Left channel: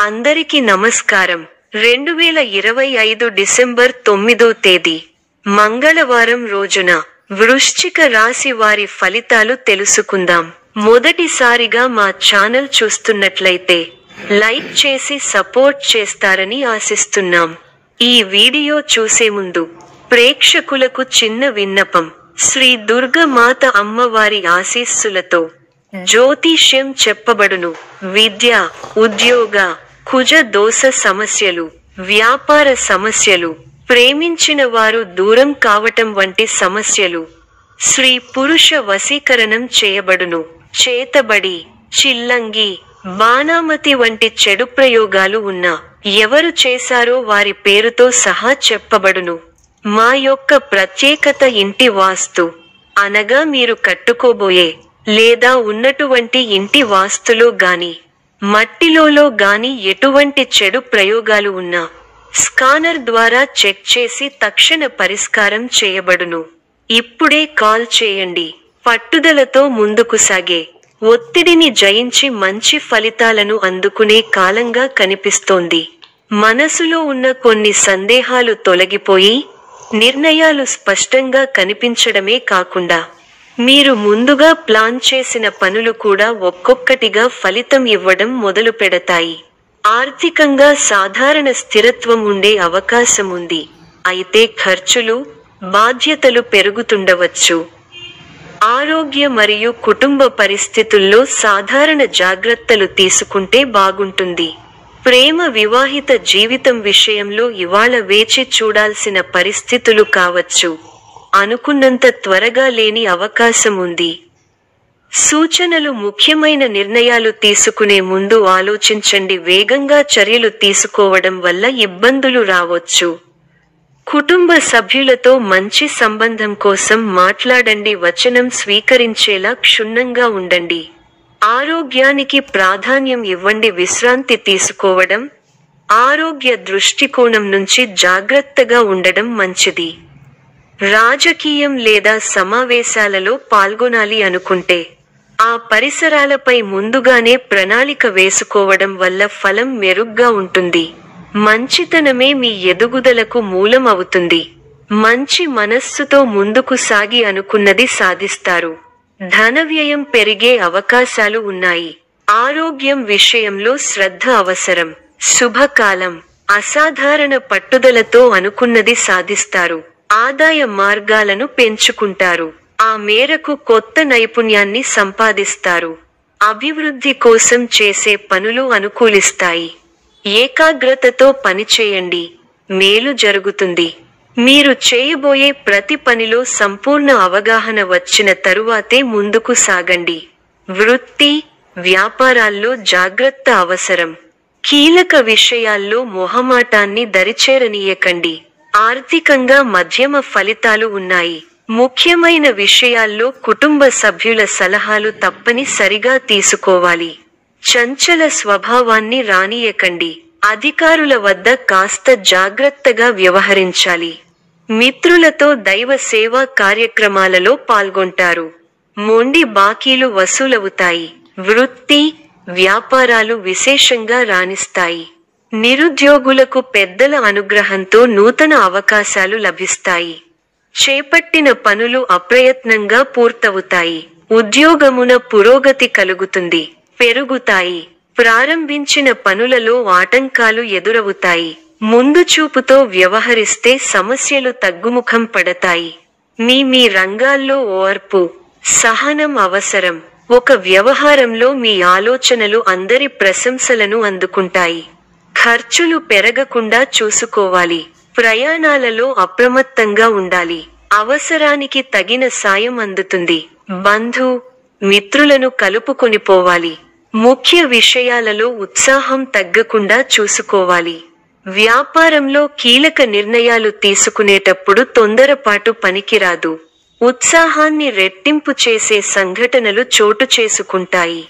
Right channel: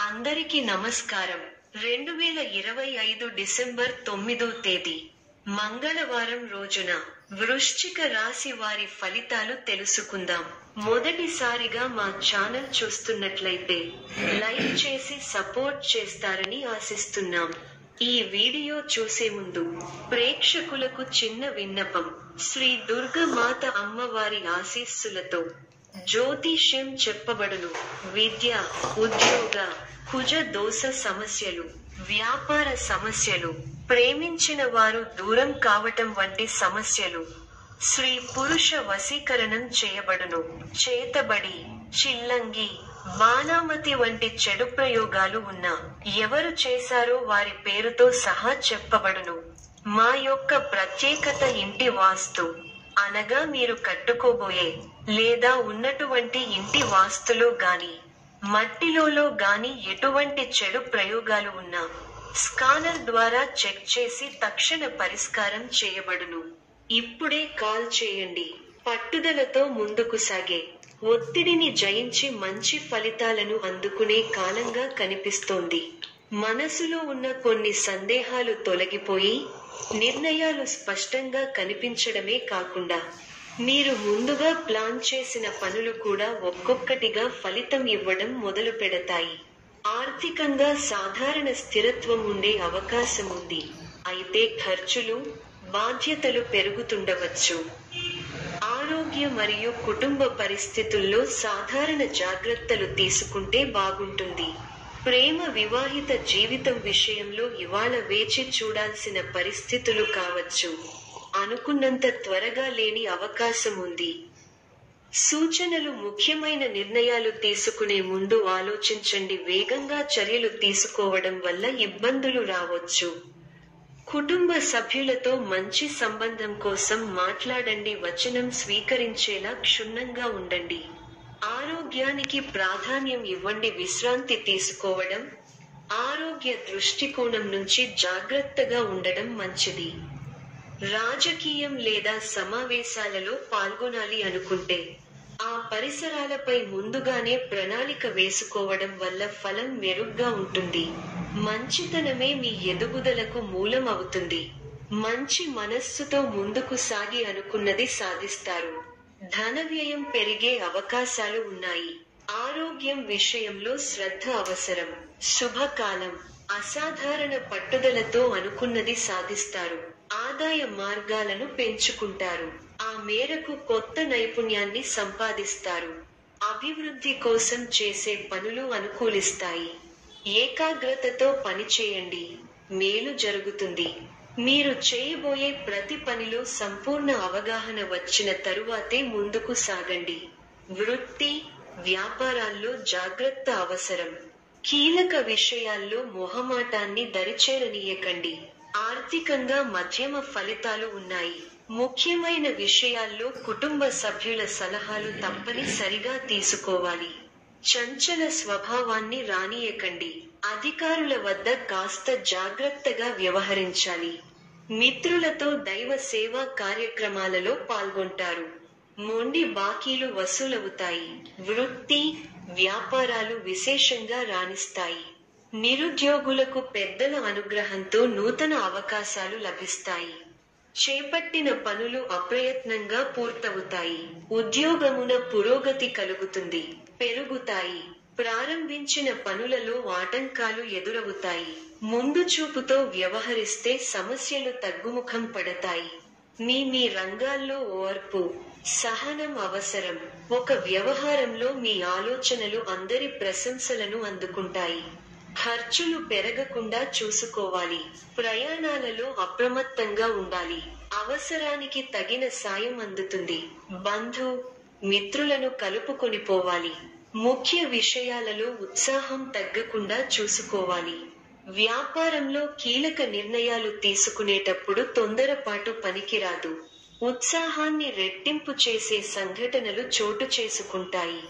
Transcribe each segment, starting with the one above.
అందరికీ నమస్కారం. 2025 డిసెంబర్ 9వ తేదీ మంగళవారం రోజున వృశ్చిక రాశి వారి ఫలితాలు తెలుసుకుందాం. మొదటిసారిగా మా ఛానల్ చూస్తున్నట్లయితే లైక్ చేసి సపోర్ట్ చేస్తారని ఆశిస్తున్నాం. ఈ వీడియో చూసే ముందు ప్రేక్షకులకు చిన్న విన్నపం. శ్రీ దుర్గమాత అమ్మవారి ఆశీస్సులతో జ్యోతిష్యం చెప్పబడును. విద్య, ఉద్యోగ, కుజ దోష సమస్యలు, వ్యాపార సమస్యలు, ప్రేమించిన వారు దూరం కావటం వంటి సమస్యలు, స్త్రీ పురుష వశీకరణం చేయబడును. చేతబడి, చిల్లంగి, బాణామతి వంటి చెడు ప్రయోగాలు ఉన్నా ఎవరు చేశారో వారి పేరుతో సహా చెప్పబడును. మా యొక్క ప్రత్యేకత ఇంటి వాస్తు అనగా మీరు కట్టుకోబోయే లేదా ఉన్నటువంటి ఇంటి వాస్తులో గాని మట్టిలో గాని ఎటువంటి చెడు ప్రయోగాలు ఉన్నా స్కానర్ ద్వారా చెక్ చేసి తక్షణ పరిష్కారం చేయబడును. ఇప్పుడే కాల్ చేయండి. పట్టుదలతో ముందుకు సాగే, ఒత్తిడిని జయించి మంచి ఫలితాలను అందుకునే కాలంగా కనిపిస్తోంది. మనసులో ఉన్న కొన్ని సందేహాలు తొలగిపోయి నిర్ణయాలు స్పష్టంగా కనిపించడమే కాకుండా మీరు ముందుగా ప్లాన్ చేసిన పనులు కూడా ఒక్కొక్కటిగా ఫలితం ఇవ్వడం మొదలు పెడతాయి. ఆర్థికంగా సాధారణ స్థిరత్వం ఉండే అవకాశం ఉంది. అయితే ఖర్చులు, బాధ్యతలు పెరుగుతుండవచ్చు. ఆరోగ్య మరియు కుటుంబ పరిస్థితుల్లో సాధారణ జాగ్రత్తలు తీసుకుంటే బాగుంటుంది. ప్రేమ, వివాహిత జీవితం విషయంలో ఇవాళ వేచి చూడాల్సిన పరిస్థితులు కావచ్చు. అనుకున్నంత త్వరగా లేని అవకాశం ఉంది. సూచనలు: ముఖ్యమైన నిర్ణయాలు తీసుకునే ముందు ఆలోచించండి. వేగంగా చర్యలు తీసుకోవడం వల్ల ఇబ్బందులు రావచ్చు. కుటుంబ సభ్యులతో మంచి సంబంధం కోసం మాట్లాడండి. వచనం స్వీకరించేలా క్షుణ్ణంగా ఉండండి. ఆరోగ్యానికి ప్రాధాన్యం ఇవ్వండి. విశ్రాంతి తీసుకోవడం, ఆరోగ్య దృష్టికోణం నుంచి జాగ్రత్తగా ఉండడం మంచిది. రాజకీయం లేదా సమావేశాలలో పాల్గొనాలి అనుకుంటే ఆ పరిసరాలపై ముందుగానే ప్రణాళిక వేసుకోవడం వల్ల ఫలం మెరుగ్గా ఉంటుంది. మంచితనమే మీ ఎదుగుదలకు మూలం అవుతుంది. మంచి మనస్సుతో ముందుకు సాగి అనుకున్నది సాధిస్తారు. ధన వ్యయం పెరిగే అవకాశాలు ఉన్నాయి. ఆరోగ్యం విషయంలో శ్రద్ధ అవసరం. శుభకాలం. అసాధారణ పట్టుదలతో అనుకున్నది సాధిస్తారు. ఆదాయ మార్గాలను పెంచుకుంటారు. ఆ మేరకు కొత్త నైపుణ్యాన్ని సంపాదిస్తారు. అభివృద్ధి కోసం చేసే పనులు అనుకూలిస్తాయి. ఏకాగ్రతతో పనిచేయండి, మేలు జరుగుతుంది. మీరు చేయబోయే ప్రతి పనిలో సంపూర్ణ అవగాహన వచ్చిన తరువాతే ముందుకు సాగండి. వృత్తి, వ్యాపారాల్లో జాగ్రత్త అవసరం. కీలక విషయాల్లో మొహమాటాన్ని దరిచేరనీయకండి. ఆర్థికంగా మధ్యమ ఫలితాలు ఉన్నాయి. ముఖ్యమైన విషయాల్లో కుటుంబ సభ్యుల సలహాలు తప్పనిసరిగా తీసుకోవాలి. చంచల స్వభావాన్ని రానీయకండి. అధికారుల వద్ద కాస్త జాగ్రత్తగా వ్యవహరించాలి. మిత్రులతో దైవ సేవా కార్యక్రమాలలో పాల్గొంటారు. మొండి బాకీలు వసూలవుతాయి. వృత్తి, వ్యాపారాలు విశేషంగా రాణిస్తాయి. నిరుద్యోగులకు పెద్దల అనుగ్రహంతో నూతన అవకాశాలు లభిస్తాయి. చేపట్టిన పనులు అప్రయత్నంగా పూర్తవుతాయి. ఉద్యోగమున పురోగతి కలుగుతుంది, పెరుగుతాయి. ప్రారంభించిన పనులలో ఆటంకాలు ఎదురవుతాయి. ముందు చూపుతో వ్యవహరిస్తే సమస్యలు తగ్గుముఖం పడతాయి. మీ రంగాల్లో ఓర్పు, సహనం అవసరం. ఒక వ్యవహారంలో మీ ఆలోచనలు అందరి ప్రశంసలను అందుకుంటాయి. ఖర్చులు పెరగకుండా చూసుకోవాలి. ప్రయాణాలలో అప్రమత్తంగా ఉండాలి. అవసరానికి తగిన సాయం అందుతుంది. బంధు, మిత్రులను కలుపుకొనిపోవాలి. ముఖ్య విషయాలలో ఉత్సాహం తగ్గకుండా చూసుకోవాలి. వ్యాపారంలో కీలక నిర్ణయాలు తీసుకునేటప్పుడు తొందరపాటు పనికిరాదు. ఉత్సాహాన్ని రెట్టింపు చేసే సంఘటనలు చోటు చేసుకుంటాయి.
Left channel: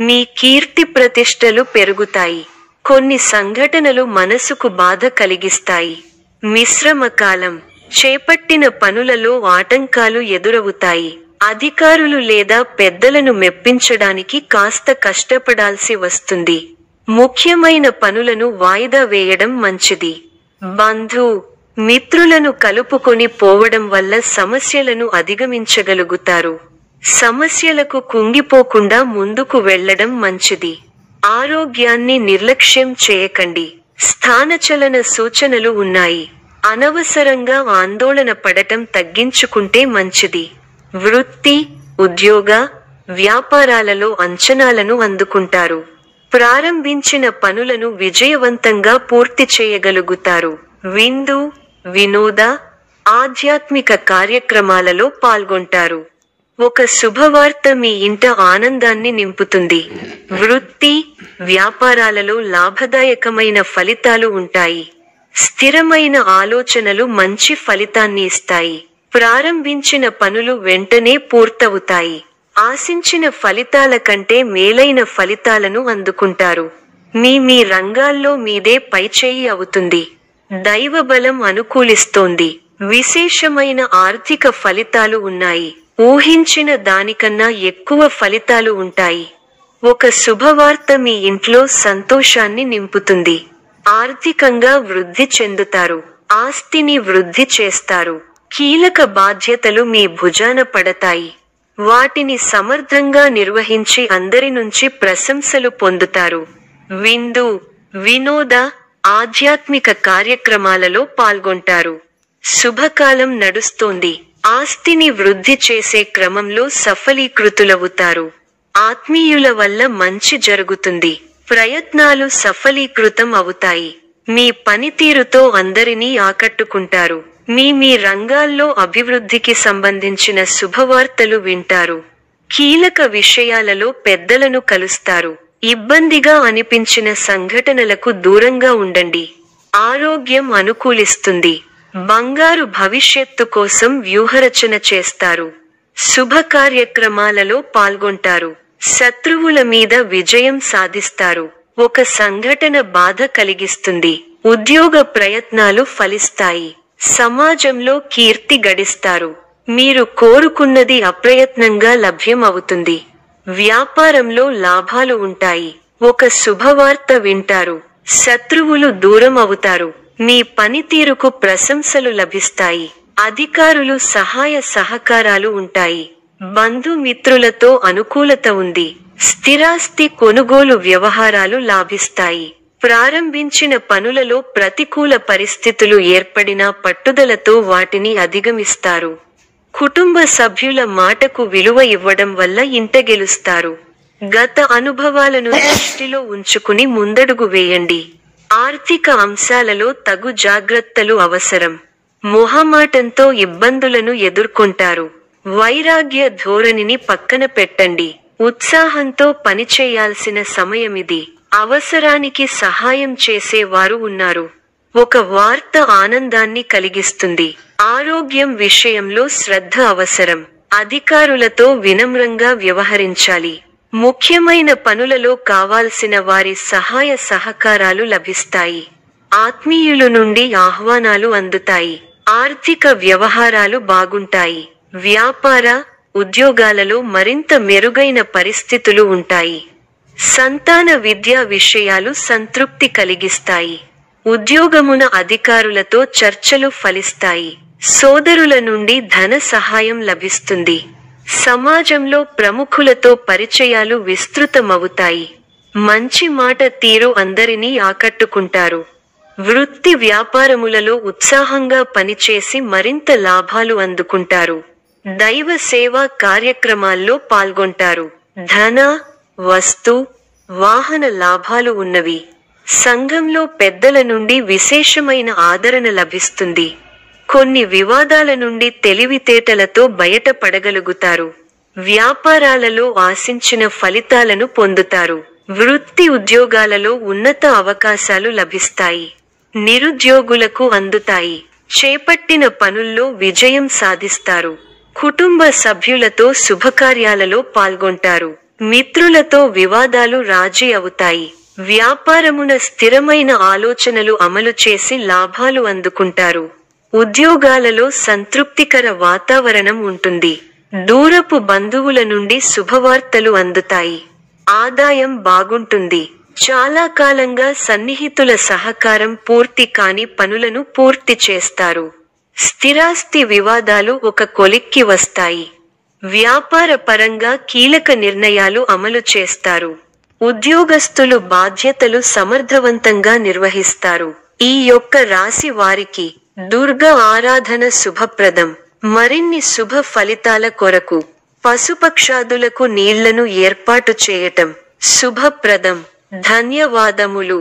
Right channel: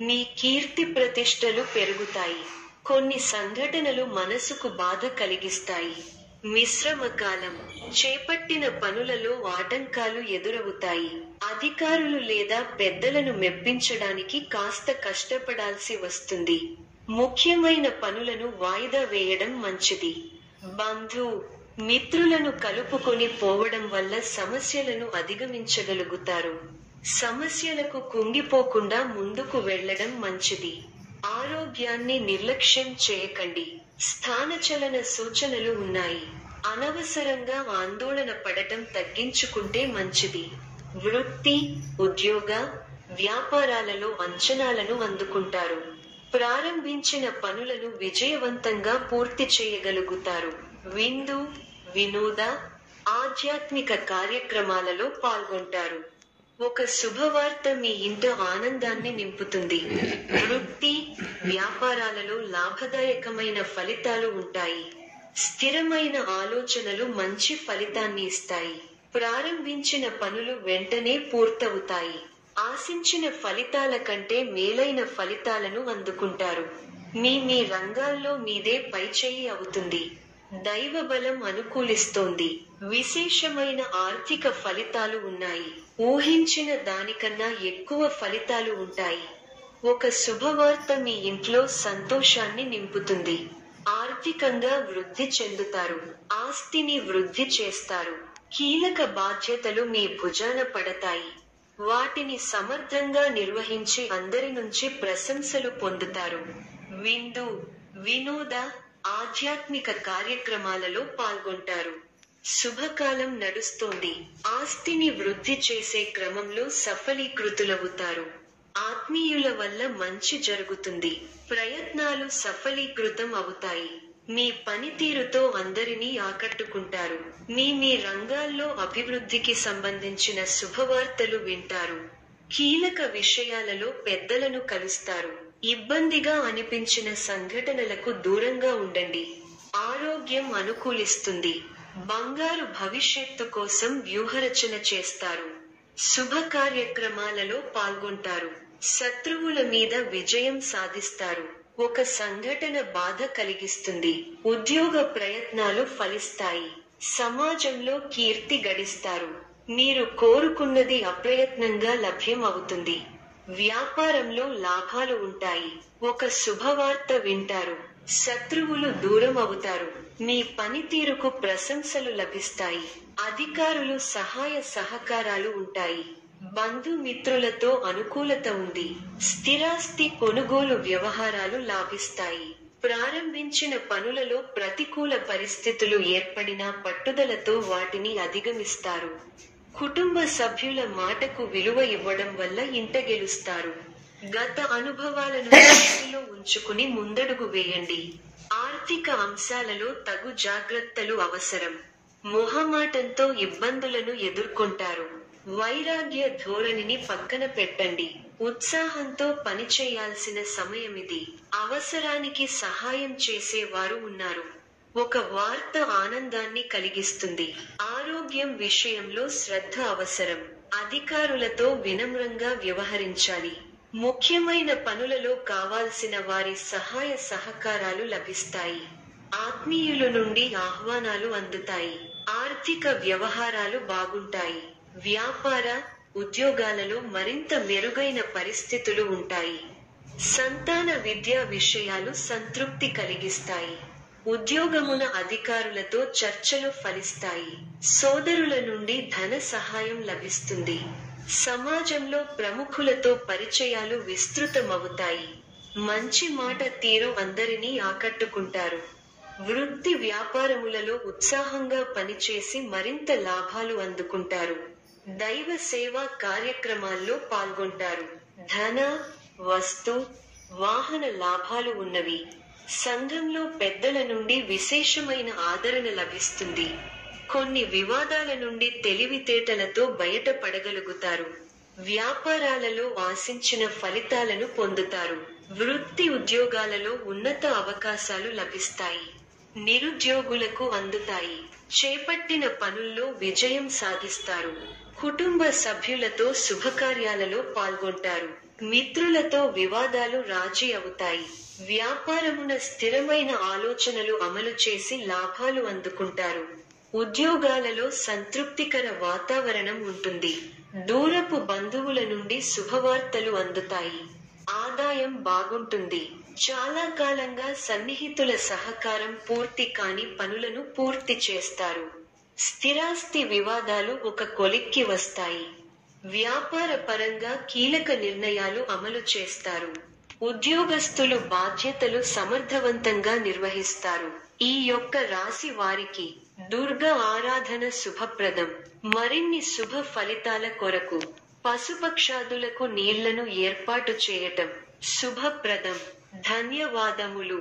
మీ కీర్తి ప్రతిష్టలు పెరుగుతాయి. కొన్ని సంఘటనలు మనసుకు బాధ కలిగిస్తాయి. మిశ్రమ కాలం. చేపట్టిన పనులలో ఆటంకాలు ఎదురవుతాయి. అధికారులు లేదా పెద్దలను మెప్పించడానికి కాస్త కష్టపడాల్సి వస్తుంది. ముఖ్యమైన పనులను వాయిదా వేయడం మంచిది. మిత్రులను కలుపుకొని పోవడం వల్ల సమస్యలను అధిగమించగలుగుతారు. సమస్యలకు కుంగిపోకుండా ముందుకు వెళ్లడం మంచిది. ఆరోగ్యాన్ని నిర్లక్ష్యం చేయకండి. స్థానచలన సూచనలు ఉన్నాయి. అనవసరంగా ఆందోళన పడటం తగ్గించుకుంటే మంచిది. వృత్తి, ఉద్యోగ, వ్యాపారాలలో అంచనాలను అందుకుంటారు. ప్రారంభించిన పనులను విజయవంతంగా పూర్తి చేయగలుగుతారు. విందు, వినోద, ఆధ్యాత్మిక కార్యక్రమాలలో పాల్గొంటారు. ఒక శుభవార్త మీ ఇంట ఆనందాన్ని నింపుతుంది. వృత్తి, వ్యాపారాలలో లాభదాయకమైన ఫలితాలు ఉంటాయి. స్థిరమైన ఆలోచనలు మంచి ఫలితాన్ని ఇస్తాయి. ప్రారంభించిన పనులు వెంటనే పూర్తవుతాయి. ఆశించిన ఫలితాల కంటే మేలైన ఫలితాలను అందుకుంటారు. మీ రంగాల్లో మీదే పైచేయి అవుతుంది. దైవబలం అనుకూలిస్తోంది. విశేషమైన ఆర్థిక ఫలితాలు ఉన్నాయి. ఊహించిన దానికన్నా ఎక్కువ ఫలితాలు ఉంటాయి. ఒక శుభవార్త మీ ఇంట్లో సంతోషాన్ని నింపుతుంది. ఆర్థికంగా వృద్ధి చెందుతారు. ఆస్తిని వృద్ధి చేస్తారు. కీలక బాధ్యతలు మీ భుజాన పడతాయి. వాటిని సమర్థంగా నిర్వహించి అందరి నుంచి ప్రశంసలు పొందుతారు. విందు, వినోద, ఆధ్యాత్మిక కార్యక్రమాలలో పాల్గొంటారు. శుభకాలం నడుస్తోంది. ఆస్తిని వృద్ధి చేసే క్రమంలో సఫలీకృతులవుతారు. ఆత్మీయుల వల్ల మంచి జరుగుతుంది. ప్రయత్నాలు సఫలీకృతం అవుతాయి. మీ పనితీరుతో అందరినీ ఆకట్టుకుంటారు. మీ రంగాల్లో అభివృద్ధికి సంబంధించిన శుభవార్తలు వింటారు. కీలక విషయాలలో పెద్దలను కలుస్తారు. ఇబ్బందిగా అనిపించిన సంఘటనలకు దూరంగా ఉండండి. ఆరోగ్యం అనుకూలిస్తుంది. బంగారు భవిష్యత్తు కోసం వ్యూహరచన చేస్తారు. శుభ కార్యక్రమాలలో పాల్గొంటారు. శత్రువుల మీద విజయం సాధిస్తారు. ఒక సంఘటన బాధ కలిగిస్తుంది. ఉద్యోగ ప్రయత్నాలు ఫలిస్తాయి. సమాజంలో కీర్తి గడిస్తారు. మీరు కోరుకున్నది అప్రయత్నంగా లభ్యం అవుతుంది. వ్యాపారంలో లాభాలు ఉంటాయి. ఒక శుభవార్త వింటారు. శత్రువులు దూరం అవుతారు. మీ పనితీరుకు ప్రశంసలు లభిస్తాయి. అధికారులు సహాయ సహకారాలు ఉంటాయి. బంధుమిత్రులతో అనుకూలత ఉంది. స్థిరాస్తి కొనుగోలు వ్యవహారాలు లాభిస్తాయి. ప్రారంభించిన పనులలో ప్రతికూల పరిస్థితులు ఏర్పడినా పట్టుదలతో వాటిని అధిగమిస్తారు. కుటుంబ సభ్యుల మాటకు విలువ ఇవ్వడం వల్ల ఇంట గెలుస్తారు. గత అనుభవాలను దృష్టిలో ఉంచుకుని ముందడుగు వేయండి. ఆర్థిక అంశాలలో తగు జాగ్రత్తలు అవసరం. మొహమాటంతో ఇబ్బందులను ఎదుర్కొంటారు. వైరాగ్య ధోరణిని పక్కన పెట్టండి. ఉత్సాహంతో పనిచేయాల్సిన సమయమిది. అవసరానికి సహాయం చేసేవారు ఉన్నారు. ఒక వార్త ఆనందాన్ని కలిగిస్తుంది. ఆరోగ్యం విషయంలో శ్రద్ధ అవసరం. అధికారులతో వినమ్రంగా వ్యవహరించాలి. ముఖ్యమైన పనులలో కావాల్సిన వారి సహాయ సహకారాలు లభిస్తాయి. ఆత్మీయుల నుండి ఆహ్వానాలు అందుతాయి. ఆర్థిక వ్యవహారాలు బాగుంటాయి. వ్యాపార, ఉద్యోగాలలో మరింత మెరుగైన పరిస్థితులు ఉంటాయి. సంతాన విద్యా విషయాలు సంతృప్తి కలిగిస్తాయి. ఉద్యోగమున అధికారులతో చర్చలు ఫలిస్తాయి. సోదరుల నుండి ధన సహాయం లభిస్తుంది. సమాజంలో ప్రముఖులతో పరిచయాలు విస్తృతమవుతాయి. మంచి మాట తీరు అందరినీ ఆకట్టుకుంటారు. వృత్తి వ్యాపారములలో ఉత్సాహంగా పనిచేసి మరింత లాభాలు అందుకుంటారు. దైవ సేవా కార్యక్రమాల్లో పాల్గొంటారు. ధన, వస్తు, వాహన లాభాలు ఉన్నవి. సంఘంలో పెద్దల నుండి విశేషమైన ఆదరణ లభిస్తుంది. కొన్ని వివాదాల నుండి తెలివితేటలతో బయటపడగలుగుతారు. వ్యాపారాలలో ఆశించిన ఫలితాలను పొందుతారు. వృత్తి ఉద్యోగాలలో ఉన్నత అవకాశాలు లభిస్తాయి. నిరుద్యోగులకు అందుతాయి. చేపట్టిన పనుల్లో విజయం సాధిస్తారు. కుటుంబ సభ్యులతో శుభకార్యాలలో పాల్గొంటారు. మిత్రులతో వివాదాలు రాజీ అవుతాయి. వ్యాపారమున స్థిరమైన ఆలోచనలు అమలు చేసి లాభాలు అందుకుంటారు. ఉద్యోగాలలో సంతృప్తికర వాతావరణం ఉంటుంది. దూరపు బంధువుల నుండి శుభవార్తలు అందుతాయి. ఆదాయం బాగుంటుంది. చాలా కాలంగా సన్నిహితుల సహకారం పూర్తి కాని పనులను పూర్తి చేస్తారు. స్థిరాస్తి వివాదాలు ఒక కొలిక్కి వస్తాయి. వ్యాపార పరంగా కీలక నిర్ణయాలు అమలు చేస్తారు. ఉద్యోగస్తులు బాధ్యతలు సమర్థవంతంగా నిర్వహిస్తారు. ఈ యొక్క రాశి వారికి దుర్గా ఆరాధన శుభప్రదం. మరిన్ని శుభ ఫలితాల కొరకు పశుపక్షాదులకు నీళ్లను ఏర్పాటు చేయటం శుభప్రదం. ధన్యవాదములు.